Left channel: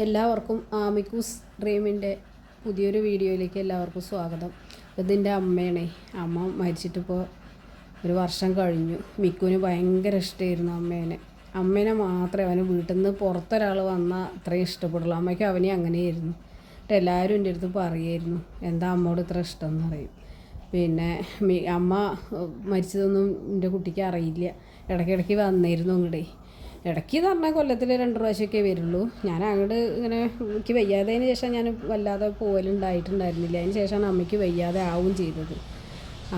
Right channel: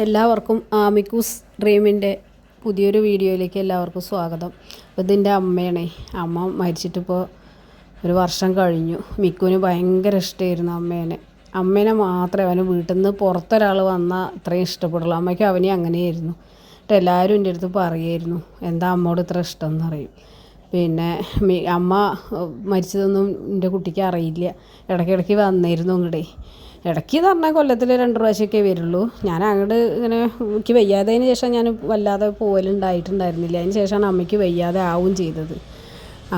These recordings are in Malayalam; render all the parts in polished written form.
എല്ലാവർക്കും ആമിക്കൂസ് ഡ്രീമിൻ്റെ പുതിയൊരു വീഡിയോയിലേക്ക് എല്ലാവർക്കും സ്വാഗതം. അപ്പോൾ ഇതിൻ്റെ അമ്മയാണേ. അമ്മ മരിച്ചിട്ടിപ്പോൾ ഒരു വർഷം കഴിഞ്ഞു. മിക്കുവിന് ഭയങ്കര ഇഷ്ടമായിരുന്നു അമ്മേനെ മാത്രമേ അവന് വീട്ടിൽ നിന്ന് പുറത്തൊരാൾ വന്നാൽ അത്രയും ഇഷ്ടപ്പെടുള്ളൂ. അമ്മയ്ക്ക് അവനെ അങ്ങനെയായിരുന്നു. എന്നിട്ട് എല്ലാവരും എൻ്റെ അടുത്ത് പറയുമായിരുന്നു, എന്താ അമ്മയോട് ഇത്ര ഇഷ്ടം എന്ന് പറയും. പിന്നെ അമ്മ മരിച്ചതൊന്നും എൻ്റെ കുട്ടിക്ക് അറിയില്ല. ഇടയ്ക്കിടയ്ക്ക് വന്നിരുന്നു ഇങ്ങോട്ടേ. ഇടയ്ക്ക് എന്ന് പറഞ്ഞാൽ കൊല്ലത്തിൽ 2 പ്രാവശ്യമൊക്കെ വരുള്ളൂ. ഞാൻ അങ്ങോട്ട് ഇങ്ങനെ എനിക്ക് വയ്യാത്തതിന് ശേഷം ഞാൻ വല്ലാതെ പോകലുണ്ടായിട്ടുണ്ടായിരുന്നില്ല. അതിന് ശേഷമാണ് അമ്മയ്ക്ക് വയ്യാതെ ആവും ചെയ്തത്.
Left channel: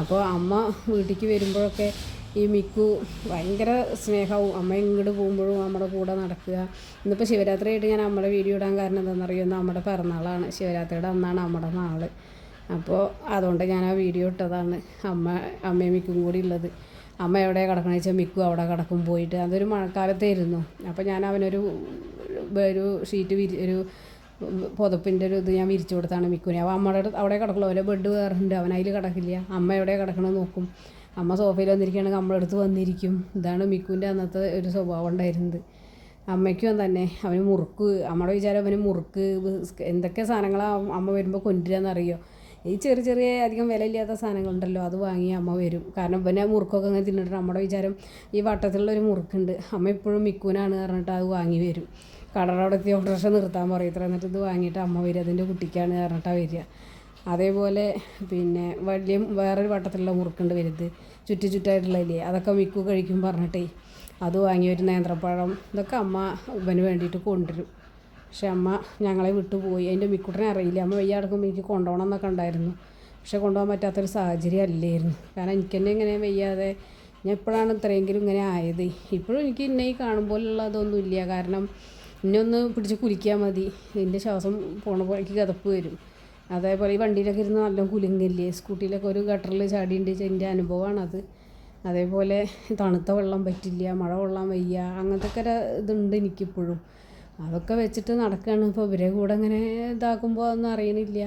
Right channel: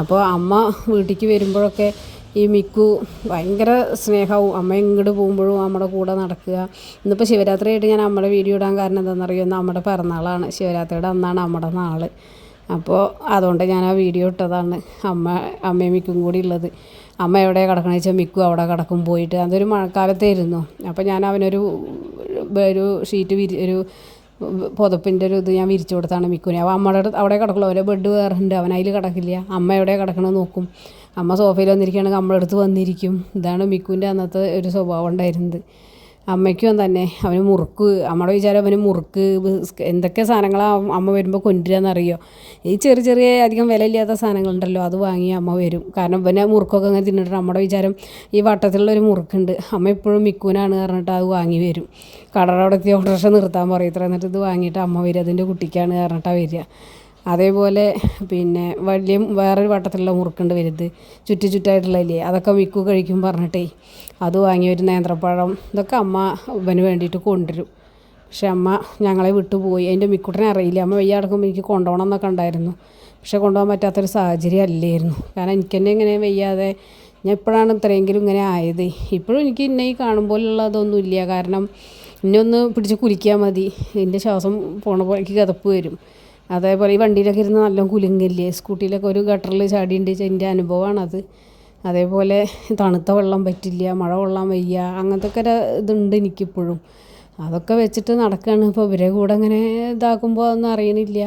അപ്പോൾ അമ്മ വീട്ടിലേക്ക് വരുമ്പോഴൊക്കെ ഈ മിക്കു ഭയങ്കര സ്നേഹവും. അമ്മ ഇങ്ങോട്ട് പോകുമ്പോഴും നമ്മുടെ കൂടെ നടക്കുക. ഇന്നിപ്പോൾ ശിവരാത്രി ആയിട്ട് ഞാൻ നമ്മുടെ വീഡിയോ ഇടാൻ കാരണം എന്താണെന്നറിയോ, നമ്മുടെ പിറന്നാളാണ്. ശിവരാത്രിയുടെ അന്നാണ് നമ്മുടെ നാൾ. അപ്പോൾ അതുകൊണ്ട് ഞാൻ ആ വീഡിയോ ഇട്ടതാണ്. അമ്മയും മിക്കും കൂടി ഉള്ളത്. അമ്മ എവിടെ കിടക്കണമെന്ന് വെച്ചാൽ മിക്കു അവിടെ കിടക്കും പോയിട്ട്. അതൊരു മഴക്കാലത്തായിരുന്നു. അപ്പോൾ ഞാൻ അവനൊരു ഷീറ്റ് ഒരു പുതപ്പിൻ്റെ ഇത് ഞാൻ വിരിച്ചു കൊടുത്താണ് മിക്കുവിനെ. അപ്പോൾ അമ്മയുടെ അവിടെ കിടക്കുള്ളൂ. അവരെ ബെഡ് വേറെ ഉണ്ട്, അവനതിൽ കിടക്കില്ല. അമ്മ എവിടെ കിടക്കണമെന്ന് നോക്കും. അമ്മ സോഫയിൽ വന്നിരിക്കുകയാണെങ്കിൽ നമ്മളടുത്ത് വന്നിരിക്കും. ഇതാണ് മിക്കുവിൻ്റെ അന്നത്തെ ഒരു സ്വഭാവം ഉണ്ടായിരുന്നത്. അമ്മയ്ക്കും തന്നെ അവന് മുറുക്ക്, നമ്മുടെ വിചാരം അവന് മുറുക്ക് എന്തൊക്കെ സാധനങ്ങളാണ് അമ്മ വരുമ്പോൾ കൊണ്ടുവരാമെന്നറിയോ. ഈ ചെറിയ അധികം വിലയില്ലാത്ത സാധനങ്ങളുണ്ടല്ലോ, അത് വാങ്ങി അമ്മ വരും. കാരണം പിന്നെ മുറുക്കൊക്കെ അങ്ങനെ തിന്നിട്ട് നമ്മുടെ വിചാരം ഈ വട്ടത്തിലുള്ളൊരു മുറുക്കുണ്ട്, അമ്മ എപ്പോഴും മിക്കുവിനാണ് പറഞ്ഞിട്ട് അത് വാങ്ങി വരും. കടയുടെ എത്തി ഓട്ടോറിക്ഷ നിർത്താൻ പറയും. ഇത്ര എന്നിട്ട് ഇത് വാങ്ങിയിട്ട് അമ്മ വരും, അതിൻ്റെ കുട്ടിക്കാണ് പറഞ്ഞിട്ടാണ് വരിക. അതേപോലെ പിന്നെ വേറൊരു വട്ടത്തിലുള്ള മുറുക്കുണ്ട് വലുത്, ചുറ്റായിട്ടുള്ളതില്ലേ, അതൊക്കെ മിക്കു കഴിക്കും പറഞ്ഞിട്ടേ അത് വാങ്ങി ഒരു നേന്ത്രപ്പഴം ഇതൊക്കെ അമ്മ ഇവന് വേണ്ടിയിട്ട് കൊണ്ടുവരും. പക്ഷെ അമ്മ ഞങ്ങളെ വിട്ടുപോയി. അതിൻ്റെ മിക്കുട്ടനെ അറിയില്ല. അമ്മ വയ്യ കിടക്കുമ്പോൾ എനിക്ക് കൊണ്ടുപോകണം എന്നൊക്കെ ഉണ്ടായിരുന്നു. പക്ഷെ കൊണ്ടുപോകാൻ പറ്റാത്തൊരു സാഹചര്യം അല്ലായിരുന്നു. കാരണം എനിക്ക് തന്നെ ഇങ്ങനെ വയ്യാതെ ഞാൻ ഇപ്പോഴാണ് ഇത്രയെങ്കിലും ഇങ്ങനെ ആയത്. ഇപ്പോഴും എനിക്ക് ഇന്നെ ഈ കാണുമ്പോഴുള്ളതൊന്നുമില്ല. കാരണം എന്നെ ഒന്ന് പിടിച്ച് കുലിക്കാൻ മതി, എൻ്റെ ശ്വാസം പോണപ്പോൾ എനിക്ക് കിതപ്പ് വരും. അതേപോലെ ഈ വണ്ടിയിലൊക്കെ ഇരുന്ന് നല്ല കുലുങ്ങില്ലേ, സ്കൂട്ടിയിലൊക്കെ ഒരു ഗട്ടറിൽ ചാടിയുണ്ട്. എൻ്റെ അനുഭവമാണത്. അതേപോലെ തണുത്ത വെള്ളം പറ്റില്ല, മഴ കൊള്ളാൻ വയ്യ, അങ്ങനത്തെ ഒക്കെ ഇതുണ്ട് എനിക്കിപ്പോഴും. അതൊക്കെ വെച്ചിട്ട് നടക്കുകയാണ്. ഇപ്പോൾ ഇവരെ കൂടെ അങ്ങനെ ഇതാക്കുമ്പോൾ ഒന്നും അറിയണില്ല.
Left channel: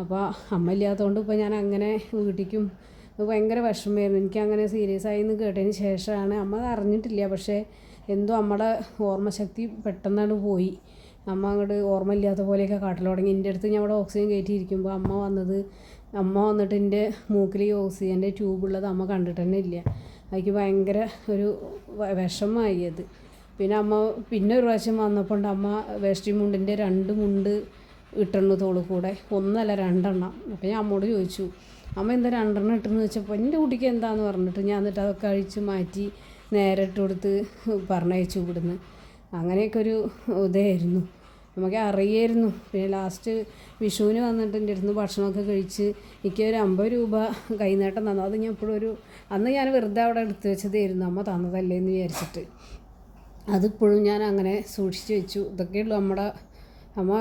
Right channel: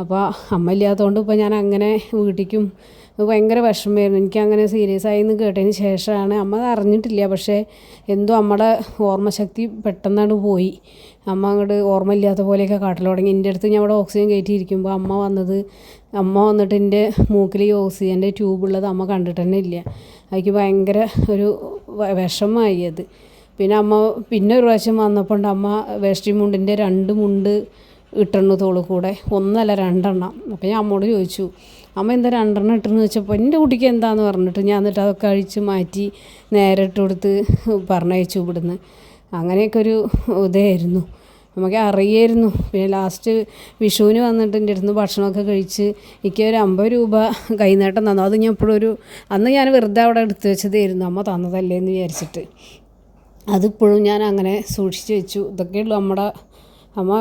അപ്പോൾ അമ്മ ഇല്ലാത്തതുകൊണ്ട് ഇപ്പോൾ ഞാൻ അങ്ങനെ വീട്ടിലേക്കും ഭയങ്കര വിഷമമായിരുന്നു. എനിക്കങ്ങനെ സീരിയസ് ആയി എന്ന് കേട്ടതിന് ശേഷമാണ്. അമ്മ അറിഞ്ഞിട്ടില്ല. പക്ഷേ എന്തോ അമ്മയുടെ ഓർമ്മശക്തി പെട്ടെന്നാണ് പോയി. അമ്മ അങ്ങോട്ട് ഓർമ്മയില്ലാത്ത പോലെയൊക്കെ കാട്ടൽ തുടങ്ങി. എൻ്റെ അടുത്ത് ഞാൻ അവിടെ ഓക്സിജൻ കയറ്റിയിരിക്കുമ്പോൾ അമ്മ വന്നിട്ട് എൻ്റെ മൂക്കിൽ ഈ ഓക്സിജൻ്റെ ട്യൂബുള്ളത് അമ്മ കണ്ടിട്ട് തന്നെ ഇല്ല. എനിക്ക് ഭയങ്കര ഒരു വിഷമമായി അത്. പിന്നെ ഒരു പ്രാവശ്യം വന്നപ്പോൾ അമ്മ വേഷ്ടി മുണ്ടിൻ്റെ 2 മുണ്ട് ഇട്ടെണ്ണു തോളിൽ കൂടെ, 1 അല്ല 2 എണ്ണം. അപ്പോൾ ഞാൻ അമ്മോട് ചോദിച്ചു, അമ്മ എന്താ 2 എണ്ണം ഇട്ടെന്ന് ചോദിച്ചപ്പോൾ എൻ്റെ കുട്ടിക്ക് എന്താണെന്ന് പറഞ്ഞിട്ട് ഞാൻ എന്നിട്ട് അതൊക്കെ അഴിച്ച് മാറ്റി നേരെ ഇട്ട് കൊടുത്ത് പറഞ്ഞയച്ചു ഇവിടുന്ന്. അങ്ങനെയൊക്കെ ഒരു ഇതായിരുന്നു. നമുക്ക് അറിയായിരുന്നു. പിന്നെ ലാസ്റ്റ് വിഷുവിന് വന്നിട്ട് എൻ്റെ അടുത്ത് ഭക്ഷണമൊക്കെ കഴിച്ച് എനിക്ക് ഒരു 50 രൂപ കൈനീട്ടം തന്നു. അത് ഞാൻ ഇപ്പോഴൊരു അന്ന് ഞാൻ വെറുതെ അവിടെ എടുത്തു വെച്ചതായിരുന്നു, അമ്മ തന്നതല്ലേ എന്ന് വിചാരിച്ചിട്ട്. അതിപ്പോഴും ഞാൻ അങ്ങനെ സൂക്ഷിച്ച് വെച്ചു. ഇതൊക്കെയുള്ളൂ നമ്മുടെ അമ്മ.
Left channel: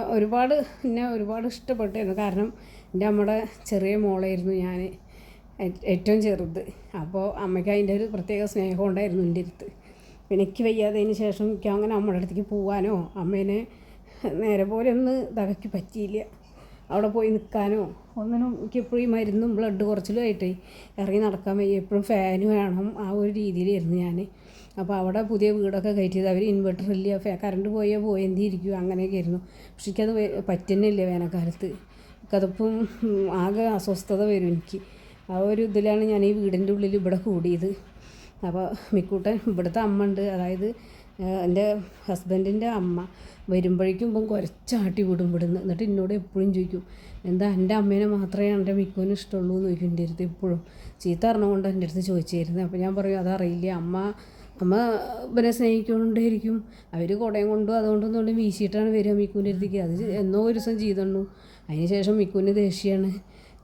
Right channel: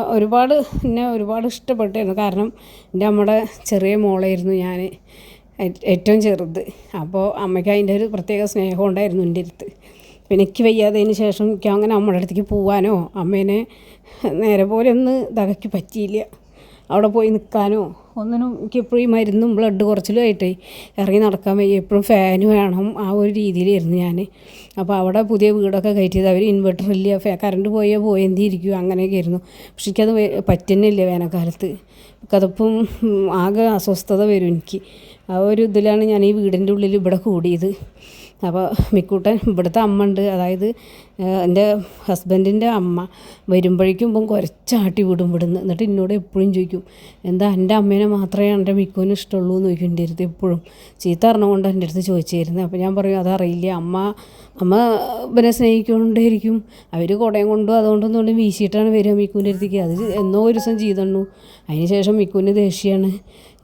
എന്നെ ഒരുപാട് ഇഷ്ടപ്പെട്ടായിരുന്നു. കാരണം എൻ്റെ അമ്മയുടെ ചെറിയ മോളായിരുന്നു ഞാൻ, ഏറ്റവും ചെറുത്. അപ്പോൾ അമ്മയ്ക്ക് അതിൻ്റെ ഒരു പ്രത്യേക സ്നേഹം ഉണ്ടായിരുന്നു എൻ്റെ അടുത്ത്. പിന്നെ എനിക്ക് വയ്യാത്തതിന് ശേഷം എനിക്ക് അങ്ങനെ അമ്മയുടെ അടുത്തേക്ക് പോകാനോ അമ്മേനെ നേരെ പോലെ ഒന്ന് ഇതാക്കി പറ്റിയില്ല. അവിടെ പോയി നിൽക്കാനോ ഒന്നിനും എനിക്ക് എപ്പോഴും ഈ മരുന്നും ബ്ലഡ് കുറച്ചിലുമായിട്ടേ ഇറങ്ങി നടക്കാൻ വയ്യ. എപ്പോഴും ഫാന് വേണം, ആ ഒരു രീതിയിലായിരുന്നു ഞാൻ. അപ്പോൾ അവിടെ പുതിയ വീടൊക്കെ കയറ്റിയത്, അവർ ഇൻവെർട്ടറില്ല, കറണ്ട് പോയെന്തിരിക്കും, അങ്ങനെയൊക്കെ ആയിരുന്നു. പക്ഷെ എനിക്കത് പറ്റുന്നില്ല. വേനൽക്കാലത്ത് കതപ്പും ആകെ അസ്വസ്ഥത വരും എനിക്ക്. ആ ഒരു ഇതിലാണ് ഞാൻ ഈ വീടിൻ്റെ ഉള്ളിൽ ഇവിടെ കൂടിയത്. അപ്പോൾ മിക്കൂട്ടൻ ഇവിടുത്തെ അമ്മ ഉണ്ട്, അതായത് എൻ്റെ ഹസ്ബൻഡിൻ്റെ അമ്മ വരുമ്പോഴേക്കും ഇപ്പം കുറച്ചാട്ടി വിടും ഇവിടുന്ന്. എന്നിട്ട് എന്നോട് എപ്പോഴും ചോദിക്കും, എന്താ എൻ്റെ അമ്മേനെ മാത്രമേ എൻ്റെ മിക്കുവിന് ഇഷ്ടമുള്ളൂ എന്ന് ചോദിക്കും എൻ്റെ അടുത്ത് എപ്പോഴും. ചീത്ത പറഞ്ഞുകൊണ്ട് എൻ്റെ അടുത്ത് ചോദിച്ചായിരുന്നു. അപ്പോൾ ഞാൻ പറയും അതറിയില്ല, അമ്മ ഇവരെ സ്നേഹിക്കൊണ്ടേയിരിക്കും. അവർ കുടയും കൊണ്ടും അതുകൊണ്ടൊന്നും വീശിയിട്ടാണ് വരിക മിക്കുവിൻ്റെ അടുത്തേക്ക്. അത് എന്നോ ഒരു ദിവസം ചെയ്തണ്ണു. അതിന് ശേഷം മിക്കുവിന് ദേഷ്യമാണ്.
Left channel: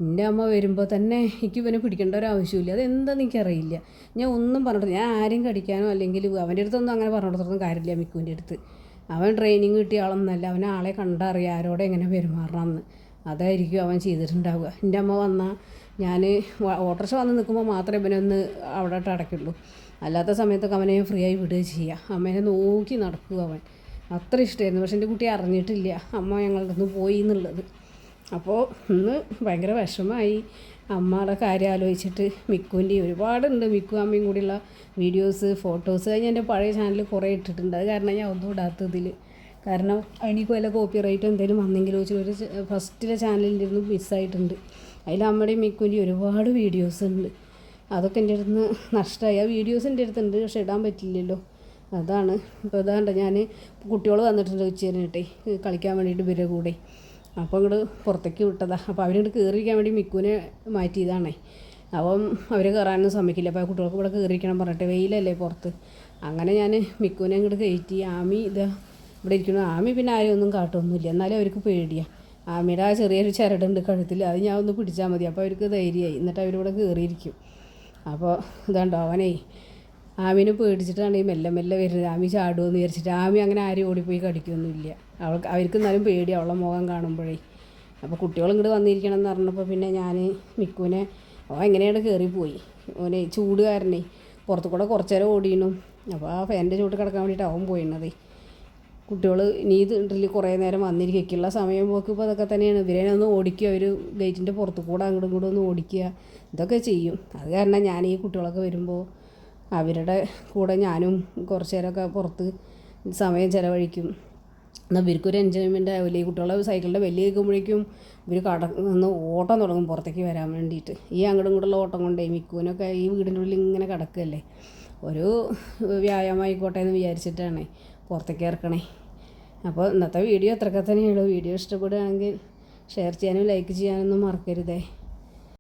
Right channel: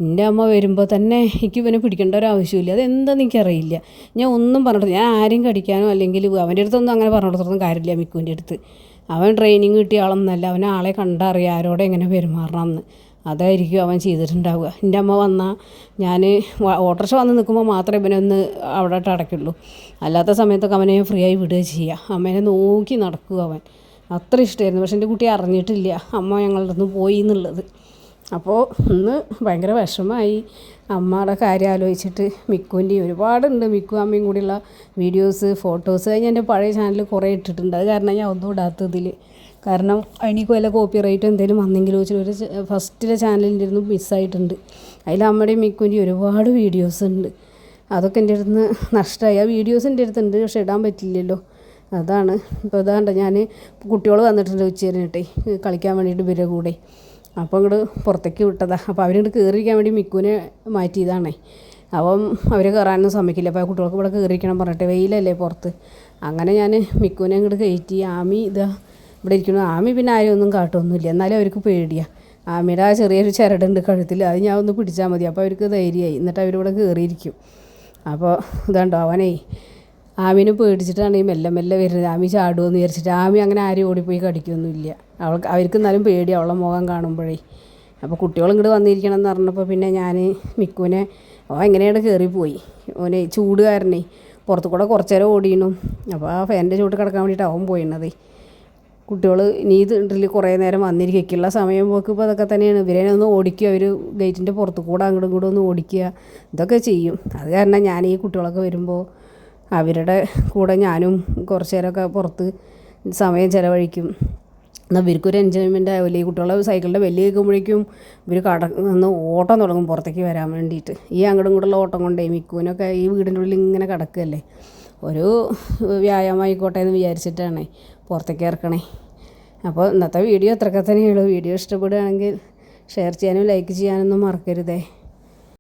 എൻ്റെ അമ്മ വരുമ്പോൾ തന്നെ എനിക്ക് ഇവനെ പിടിക്കേണ്ട ഒരു ആവശ്യമില്ല. അതെന്താണെന്ന് എനിക്കറിയില്ല. ഞാൻ ഒന്നും പറഞ്ഞിട്ട് ഞാൻ ആരെയും കടിക്കാനോ അല്ലെങ്കിൽ അവൻ്റെ അടുത്തൊന്നും അങ്ങനെ പറഞ്ഞു കൊടുത്തൊന്നും കാര്യമില്ല. മിക്കുവിൻ്റെ അടുത്ത് അവൻ ട്രെയിനിങ് കിട്ടിയ ആളൊന്നല്ല. അവൻ ആളെ കണ്ടറിയാം ആരോടെ എങ്ങനെ പെരുമാറണമെന്ന്. അതായിരിക്കും അവൻ ചെയ്തിട്ടുണ്ടാവുക. എൻ്റെ അമ്മ വന്നാൽ ഞാൻ ഓട്ടോറിക്ഷ വന്ന് നിൽക്കുമ്പോൾ മാത്രമേ ഇവനൊന്ന് അവിടെ അടയ്ക്കുള്ളൂ. അല്ലാത്ത സമയത്തൊക്കെ അവനെ ഫ്രീ ആയി വിടുക ചെയ്യുക. അമ്മേനെ നോക്കി നടക്കുക അവൻ. അത്ര ഇഷ്ടമായിരുന്നു. പക്ഷെ എൻ്റെ കുട്ടി അറിഞ്ഞിട്ടില്ല അമ്മ ഞങ്ങളുടെ അടുത്ത് പോയി എന്നുള്ളത്. അപ്പോൾ ഇന്ന് ഭയങ്കര വിഷമമായി അമ്മയുടെ കാര്യം ആലോചിച്ചിട്ട്. മിക്കുവിൻ്റെയും ഒരുപാടുണ്ട്, മിക്കു അമ്മയും കൂടിയുള്ള വീഡിയോസ്, ഫോട്ടോസ്. ഞാൻ എൻ്റെ പഴയ ചാനലിൽ കുറേ ഇട്ടിട്ടുണ്ട്. അത് കാരണം ഞാൻ ഒന്നും ഇടാത്തതിൽ. കാരണം അതിനേക്ക് വല്ല കോപ്പി റൈറ്റ് എന്തെങ്കിലും വന്നെങ്കിലും വെച്ചാൽ ഒരു ഫസ്റ്റിലെ ചാനലിൻ്റെ ഇരുന്ന് മിസ്സായിട്ടുണ്ട്. അതിൽ അമ്മയുടെയും മിക്കുവിൻ്റെയും ഒരുപാട് വീഡിയോസ് ഉണ്ട്. അതൊക്കെ എൻ്റെ അടുത്ത് നിന്ന് നഷ്ടമായി. ആ വീഡിയോസ് എൻ്റെ അടുത്തുണ്ട്, പക്ഷെ ഇടാൻ പറ്റില്ലല്ലോ. അതാണ് ഇപ്പോൾ ഇതാണ്ട് ഞാൻ കുട്ടികൾ വന്നിട്ടുണ്ട് ഉച്ചേരിട്ടെ കളിക്കാൻ വേണ്ടിയിട്ട് ഇവരുടെ കൂടെ. അപ്പോൾ ഇങ്ങോട്ട് പുറത്തേക്ക് വിട്ടതാണ്. അപ്പോൾ അവരിങ്ങോട്ട് കയറിയിരിക്കാൻ വേണ്ടി മിക്കുവിനെ മാറ്റിയതാണേ. അപ്പം അവർ കയറാനൊന്നും സമ്മതിക്കില്ല. അപ്പോൾ കുട്ടികൾക്ക് ഇവിടെ കയറിയിരിക്കണം പറഞ്ഞിട്ട്, വെയിലല്ലേ പുറത്ത്. അങ്ങനെ ഞാൻ മിക്കുവിനെ ഇങ്ങോട്ട് കയറ്റി. ആമി ഇതാ ഇവിടെ ഇരിക്കുന്നു. ആമി പിന്നെ ആരും ഒന്നും കാട്ടൊന്നുമില്ല, എന്നാലും അവർക്ക് പേടിയാണ്. ആമിയുടെ ആ ചെറിയൊരു ചരടുണ്ട് കഴുത്തിൽ, അത് ഞാൻ ഒന്ന് പിടിച്ചാൽ മതി, അപ്പോൾ അവർക്ക് ധൈര്യമായി. എന്നിട്ട് അവരിവിടെ കയറിയിരിക്കും. അപ്പോൾ ഇതുണ്ടോ അവനെ ആമിനെ പേടിച്ചിട്ടാണ് ഈ മെല്ലെ മെല്ലെ വരുന്നത്. ആമി ചാടുമെന്ന് വിചാരിച്ചിട്ട്. ആമി അങ്ങനെ ആരും ഓടിപ്പോയി കടിക്കൊന്നുമില്ല. അവർക്ക് എന്നാലും പേടി അവളെ മുഖം കാണുമ്പോഴേ. അപ്പോൾ കുട്ടികൾ ഇങ്ങോട്ട് വന്നിരിക്കണം എന്ന് പറഞ്ഞപ്പോൾ പിന്നെ ഞാൻ മിക്കുവിനെ എങ്ങനെയാണ് കയറിപ്പോയി. ഓനെ ചൂട് കാരണേ പുറത്തു കൂടെ കുറച്ച് നേരം ഓടിയിരുന്നു. അപ്പോൾ ആ ഫാനിൻ്റെ ചൂട് കിടക്കാൻ വേണ്ടിയിട്ട് അവൻ പോയിരുന്നത്. കുട്ടികൾ ഇനി ഇതിൽ കുറേ നേരം വന്നിരിക്കുള്ള സമയം പോക്ക് ഇപ്പോൾ അതൊക്കെ തന്നെയാണ്. ഇവരെ ഒന്ന് ഓടിക്കുക, അവർ ഗേറ്റിൻ്റെ പുറത്ത് കൂടെ അങ്ങോട്ടും ഇങ്ങോട്ടും ഒന്ന് ഓടിക്കുക, ഇതൊക്കെ ചെയ്യും. അത് കാരണം ഞാൻ ഈ കുട്ടികളൊക്കെ വരുമ്പോൾ അവരുടെ കൂടെ ഞാനും കുറച്ച് നേരമൊക്കെ പുറത്ത് സമയം ചിലവഴിക്കും. എന്നാൽ ഇവർക്കൊരു എൻജോയ്മെൻ്റ് ആവില്ല. ഈ കുട്ടികളെ സൈക്കിളിൻ്റെ വലിയ കേൾക്കുമ്പോഴേക്കും ഇവർ ഒന്ന് ഓട്ടം തുടങ്ങും പുറത്തേക്ക് വരാൻ വേണ്ടിയിട്ട്. ഈ അങ്ങോട്ടും ഇങ്ങോട്ടുള്ള ഓട്ടം കൊണ്ടേ മിക്കുവിനൊക്കെ ഈ വീടിൻ്റെ ഉള്ളിൽ ഇങ്ങനെ കിടക്കുകയല്ലേ. ഒരു വ്യായാമം ആയിക്കോട്ടെ എന്ന് വിചാരിച്ചിട്ടാണ് പുറത്തേക്ക് ഇറക്കണേ. അപ്പോൾ ഇന്നത്തെ വീഡിയോ അത്രയൊക്കെ തന്നെയുള്ളൂ. വീഡിയോ ഇഷ്ടപ്പെടുകയാണെങ്കിൽ ഷെയർ ചെയ്യാനും ലൈക്ക് ചെയ്യാനൊന്നും മറക്കരുതേ.